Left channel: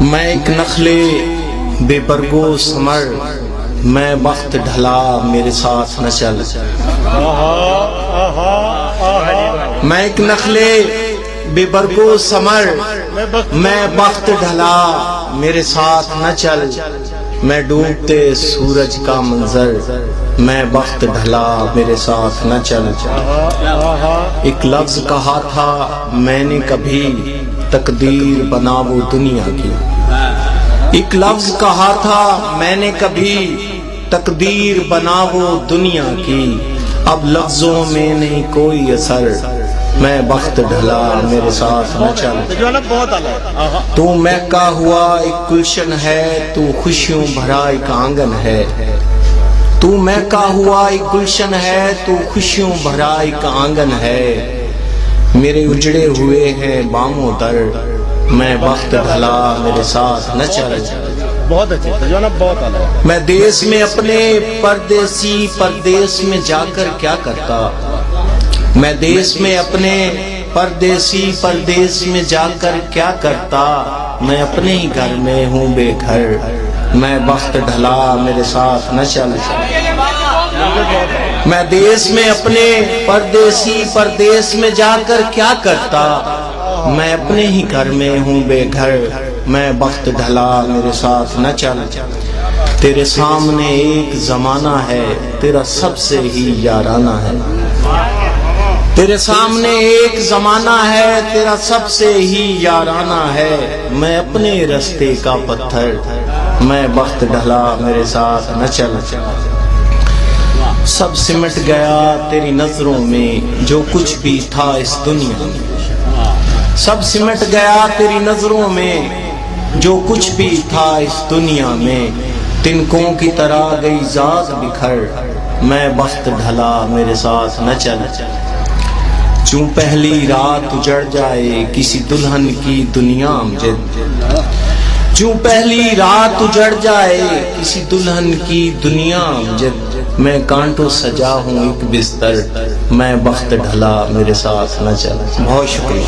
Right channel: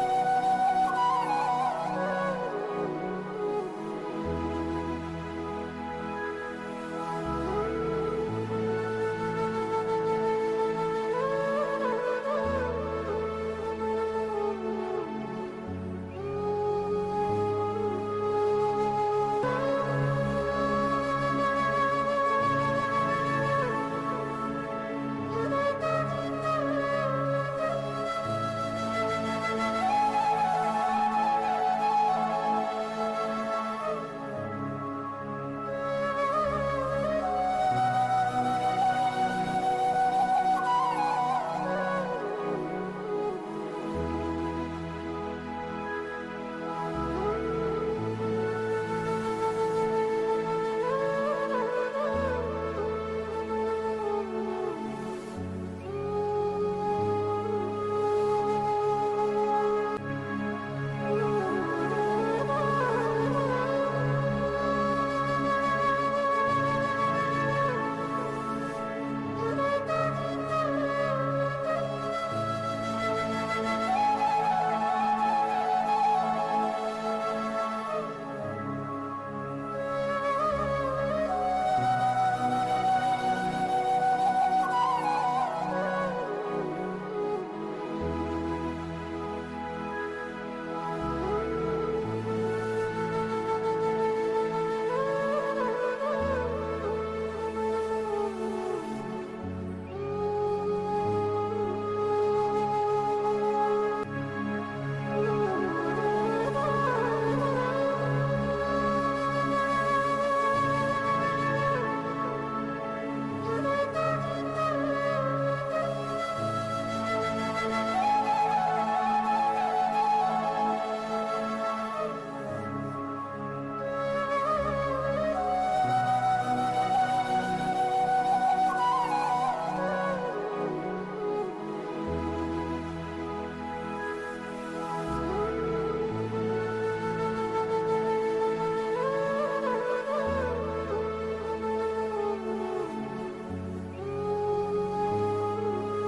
میں ایک نخلے بے برگو ثمر، میں وقت ڈھلا میرے ساتھ نہ چل۔ میں ایک نخلے بے برگو ثمر، میں وقت ڈھلا میرے ساتھ نہ چل۔ میں ڈوبتے سورج کا منظر، میں وقت ڈھلا میرے ساتھ نہ چل۔ ایک لفظ کہا تھا میں نے کبھی، تقدیر بنا وہ دنیا کی۔ ایک لفظ کہا تھا میں نے کبھی، تقدیر بنا وہ دنیا کی۔ اب لفظوں میں نہیں کوئی اثر، میں وقت ڈھلا میرے ساتھ نہ چل۔ تو مہکا ہوا ایک گلشن ہے، تو خوشیوں بھرا ایک آنگن ہے۔ تو مہکا ہوا ایک گلشن ہے، تو خوشیوں بھرا ایک آنگن ہے۔ میرے اجڑے ہوئے ہیں باموں در، میں وقت ڈھلا میرے ساتھ نہ چل۔ بہت اچھے بہت اعلیٰ۔ میں دیس میں اپنے پردیسی پردیس میں جا کر کیا کرتا۔ میں دیس میں اپنے پردیسی پردیس میں جا کر کیا کرتا۔ میں اپنے ہی گھر میں ہوں بے گھر، میں وقت ڈھلا میرے ساتھ نہ چل۔ میں دیس میں اپنے پردیسی پردیس میں جا کر کیا کرتا۔ میں اپنے ہی گھر میں ہوں بے گھر، میں وقت ڈھلا میرے ساتھ نہ چل۔ تیرے سامنے ایک زمانہ ہے، تیرا سب سے ہی یارانہ ہے۔ تیرے سامنے ایک زمانہ ہے، تیرا سب سے ہی یارانہ ہے۔ میں اپنے رستے کا پتھر، میں وقت ڈھلا میرے ساتھ نہ چل۔ سب سمٹ گیا تیری نظروں میں جو کچھ بھی تھا اس دنیا میں۔ سب سمٹ گیا تیری نظروں میں جو کچھ بھی تھا اس دنیا میں۔ تنکوں کی طرح گئی ذات بکھر، میں وقت ڈھلا میرے ساتھ نہ چل۔ چوں پہلی رات اجڑ جائے کسی دلہن کی دنیا امجد، چوں پہلی رات اجڑ جائے کسی دلہن کی دنیا امجد۔ میں کانٹوں سجا ہوں ایک بستر، میں وقت ڈھلا میرے ساتھ نہ چل۔ بہت شکریہ۔